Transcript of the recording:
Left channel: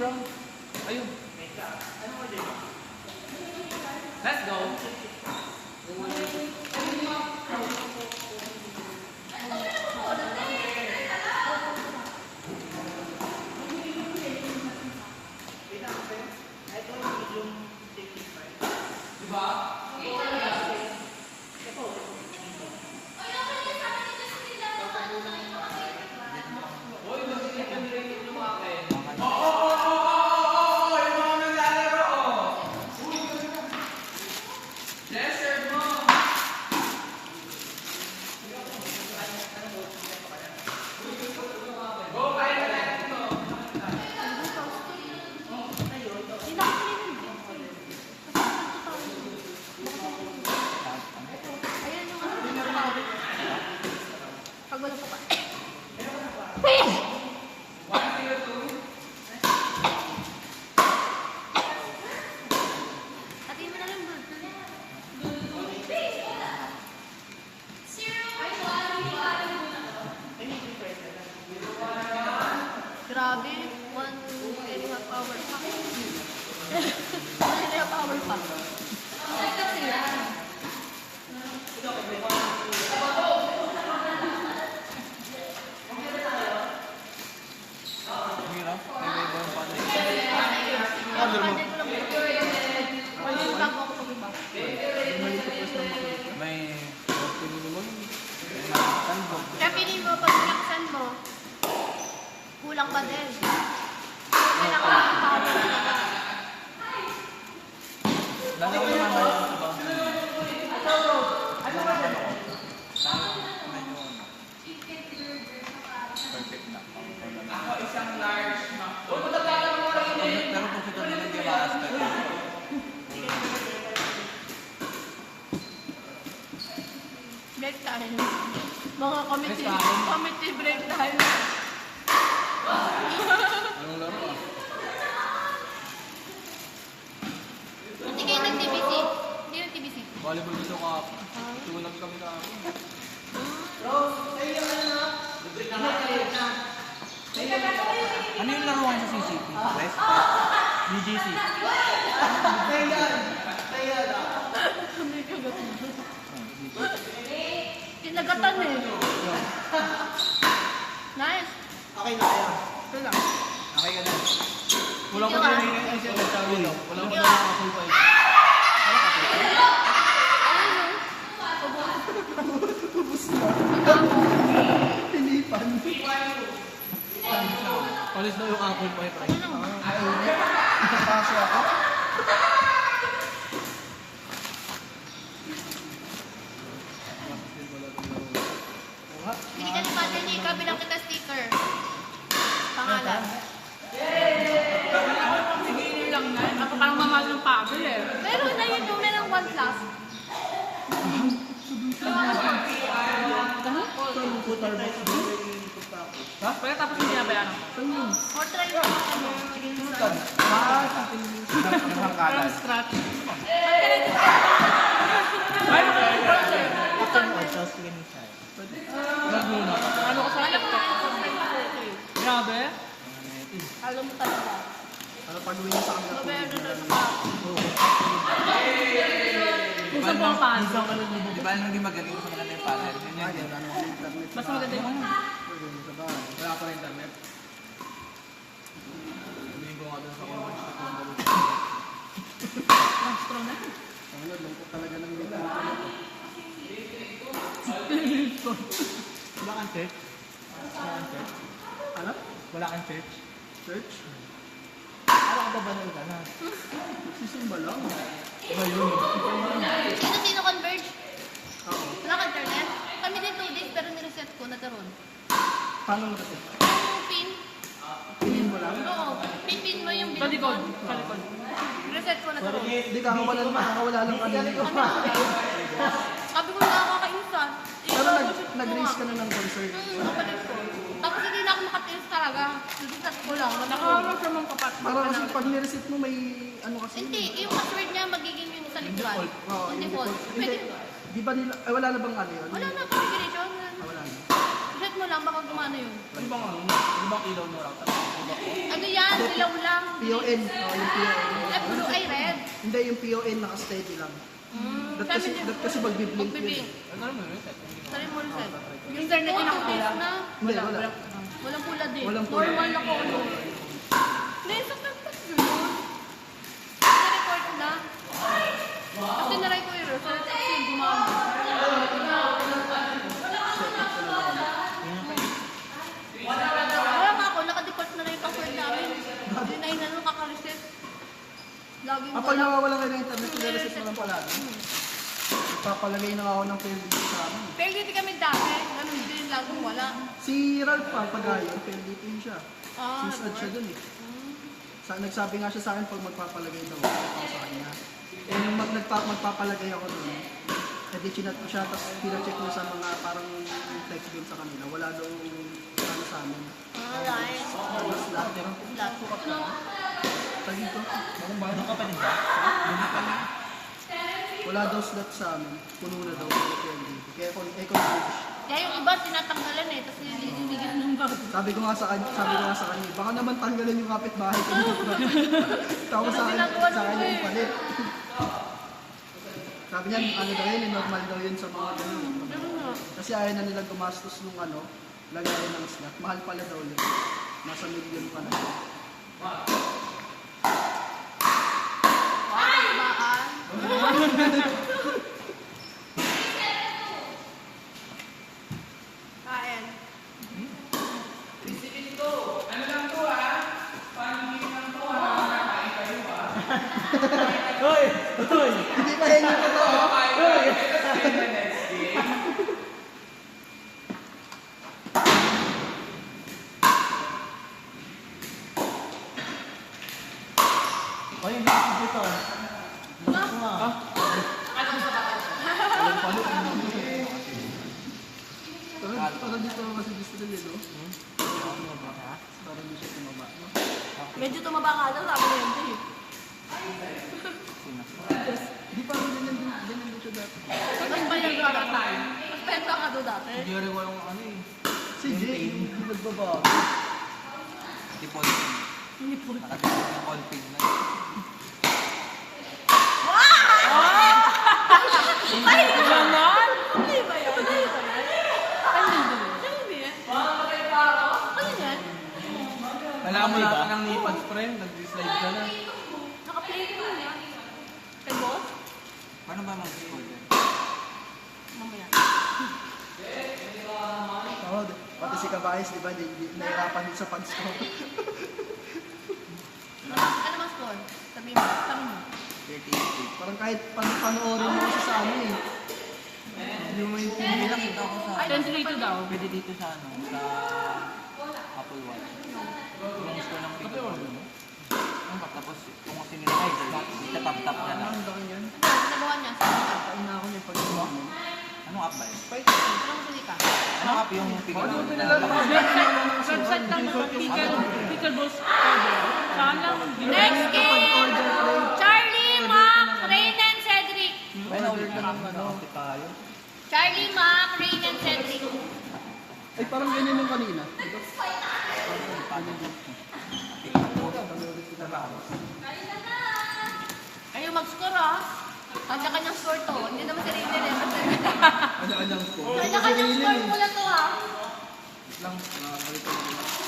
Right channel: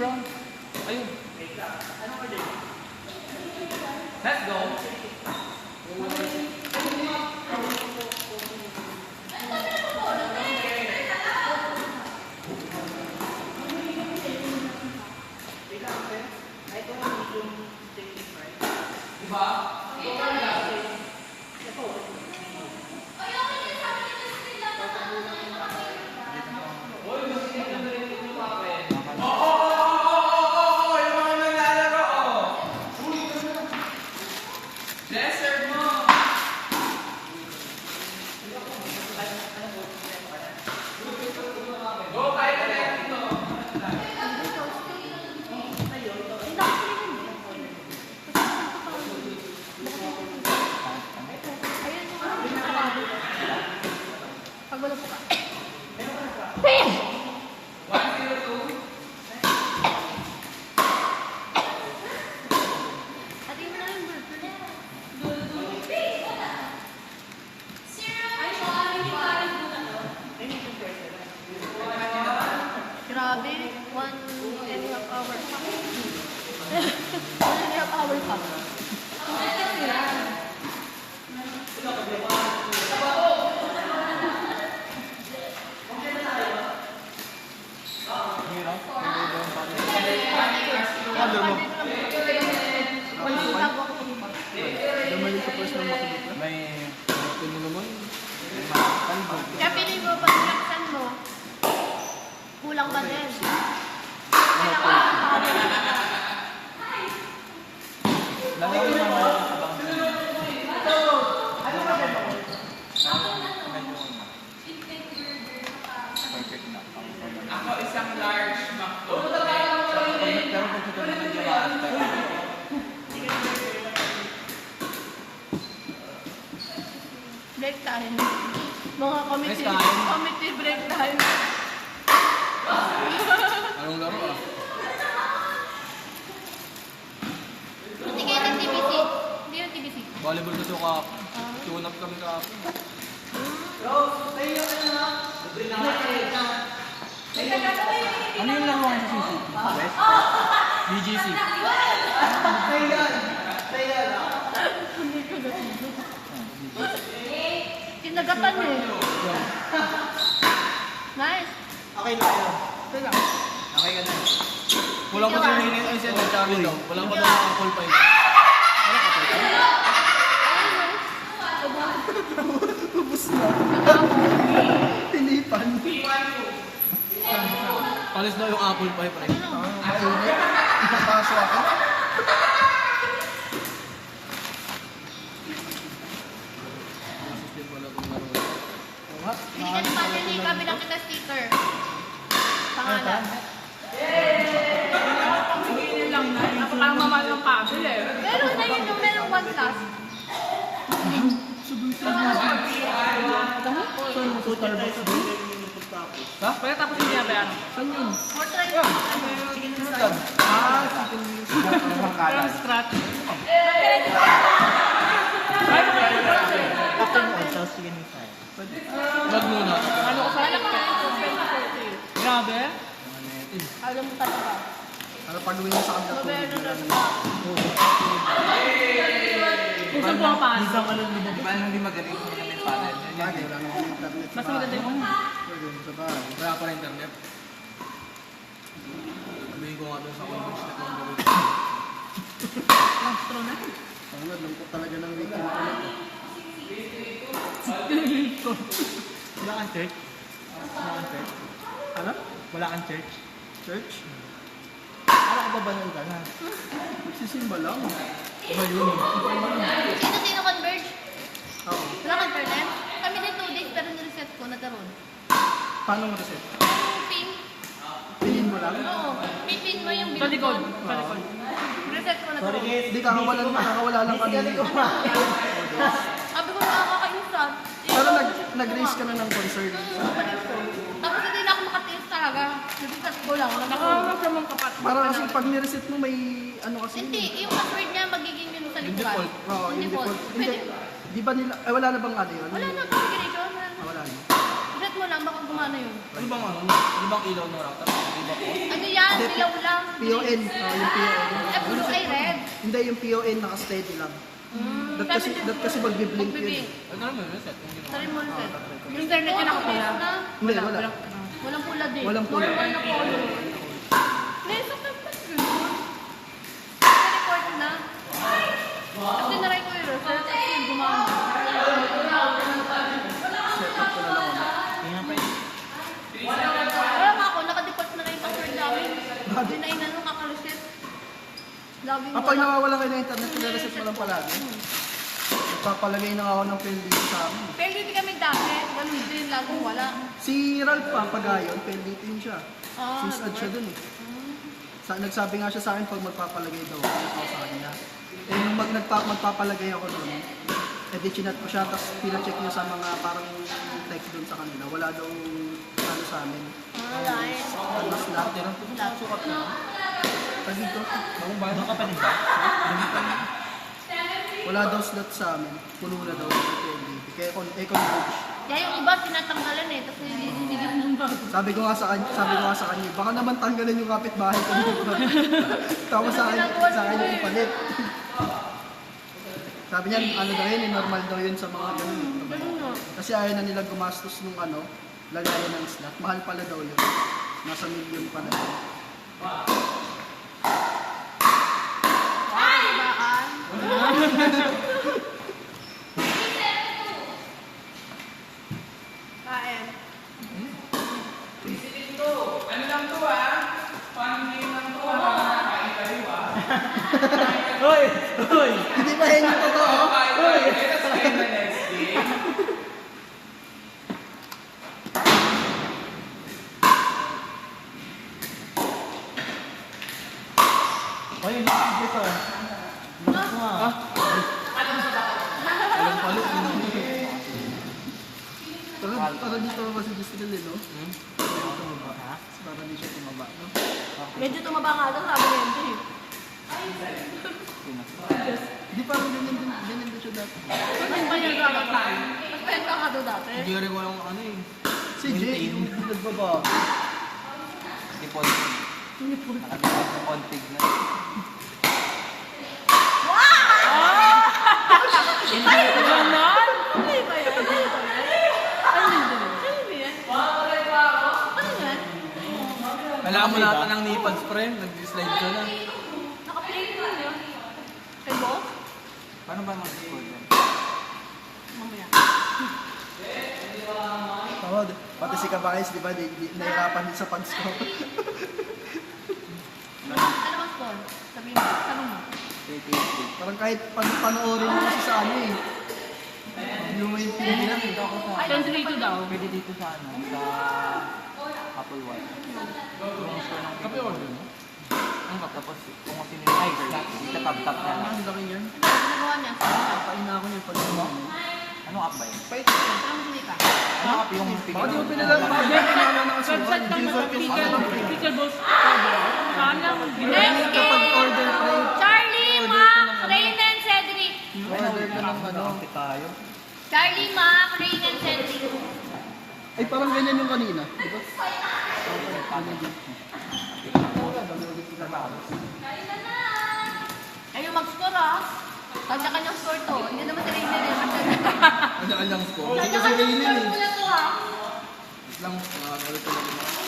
brown. Ayun. Let's go. Diba? Wala po ka. Grabe, 1.5 hour pa. 1.5 hour pa. Kaya piling mo, pag sinaksan mo, kulang ba din? Ako isang large McDo. Break time. Mga committee break time. Anong laro? Hindi kayo nag-TBC. Hindi nag-TBC. Volleyball gusto ka. Tunap kami ka. Ano yung laruan sa CCP? West? BGC. Tinagatan eh. Nice. Okay na yan. Ito lang. Okay ka na. Wala ka sa main ay siya nagsabi daw. Wala ka na full time. Tinipan. Alis daw yung apple pie. Ipapasok ako. Hindi ka naman, hindi ka bilang kita sticker. Pangalan. Sige, yun lang na. Napakamamal ng pagod eh. Pero na yun yung merong one class. Pagka tapos yung binabayaran ko. More try yun. Parang scratch. Ay, makakita ko lang sa'yo. Ano ko sa TikTok? Grabe. Alam mo talaga. Ano paluin mo sa kanila? Noveno na siya. Kung saan pumapasok. Di ba hindi magaling sa mga yung panel? Basta maganda yung ano. Wala pa rin internet. Sabihin ko nga doon sa context na kung gawin. Lang strong na. Ano, lungkot talaga ng dito. Wala kang church? Wala kang church? Ano? Wala kang church? Church? Para ka ba banal ka na? Sisimba lang. Sino converge? Oo. Wala ka internet? Kami din 2 days pero nireset ko, nagkaroon. Paano mo kasi? Yung pin? Pinin mo lang? Oo. Pin mo yung Sa likod. Sa likod. Reset ko, Sorry nagkaroon. guys, di kakawala lang kami. Sabi ko nakakalimutan. Pero nag-raise ka na ng concern. Tapos hindi na ako makatiis talaga. Reset ko lang. Nakawag sa mga kapat. Para kasi pag nireset mo may ano kasi. Hindi, yung password niya magiging yun sa likuran. Oo, Yung default. Hindi. Pwede. Di ba nila, wala na bang ano yun? Wala na, configuration. Wala na. Reset mo lang, baka gumana yun. Ano bang ano? Ano bang ilaw na rata? Ano ba ko? Ano yan? Ilaw lang. PON. Yung PON. At blue ay red. Hindi, yung PON naka-steady lang. Ba't kasi magbiblink yun. Ano naman yun? Set. Sorry mo ulit. Yung internet niya nakapula. Hindi, wala. Walang pula din. Walang pula. Normal na color. Ngayon, sa tapos yun. Na-record na. Kasi naray ko yung result. Kasi yung gumama. Wala nga ako, nakadeport na rin yung password namin. Hindi na inano, kakalusit. Laging Kapag nawawala kayo ng internet, nag-reset na lang palagi. Nagpapalagay na ako ng PNDT sa amin. Pero hindi kami dami. Ganun din yung lagong wala. Si Ralph Pagayon, PNDT siya. Ah, Sisad siya dun eh. Nagsabi nga siya sa akin pag magpapalagay daw ako sa kanya. Eh, nung magpapalagay ako dun, edi chinat ko siya, tapos pinacheck niya sa mga parang text dun sa kanila. Wala daw ano sa amin. Wala eh. Slot. Wala. Sukat na. Kasi ito, Doon ka pa din ba? Doon pa din. wala daw slot sa amin. Puno na daw sa PNDT. Kaya kung coach. Kaya yung iba tinatanggalan eh. Tapos nililigan ng bago. Sabi ko nga sa kanya, baka naman tanggalin yung kapitbahay ko. Tapos sa kanya ipalit. Sabi niya, ano daw yun, normal daw yun sa mga ganun. Kasi ayaw na nila gumastos ng lagayan ng slot. Mahal pala daw yun. Nasa million pa na. Kain. Hoy! Hoy! Hindi pa henyo ko to. Hoy! Hoy, hindi ko dito. Lakas mo ah. Walang palit. Para dito kasi gusto nila, no? Ha? Para di siya tumaba, no? Medyo tumaba ka lang, sabi mo yun. Di parang ganyan din siya dati. Saan yung ba yung raratan? Mas penta ka doon dati. Hindi rin walang ano eh. Si Jay, hindi nagbaba. Default. Config na. Ganon? Ano ba yan? Ano ba yan? Ay, hindi. Ano yan? Ano yan? Kailangan mo lang ng nipad spray. Nag-slide ka na. Nakapilit mo yan. Kay boss? Paano ba mag-score yan? Mamaya. Oo, pati si Kabayas, di ba? Nahirapan din sa pag-score. Ano bang score? Sabihin mo. Tanong mo. 38. Parang kahit panoorin mo kasi sa ano eh. Yung Bilang ito ako sa... 10-3-2 daw. Pwede dito sa ano? Sa... Apple Watch. Yung score ng Apple Watch. Tapos kung sino yung ay, tap-tap yan. ang laki niyan. Ano ginagawa niya? Kain na ako niyan pag Anong app ba yun? Anong huli ka? Anong app yung figure? Website lang ng pickle balls powder. Saan lang? Next game! Charlie, Mac, Rain and Cedric. May nag-app tayo. Charlie, Mac, Rain and Cedric. Ay, parang ganyan yung kanina. Di ba? Ayaw mag-score ah. Kanya-kanyang score to. Hindi naman si Rain na rin. Kanya-kanyang score. Kanya-kanyang score mo lang to ah. Lang, mga ano talaga.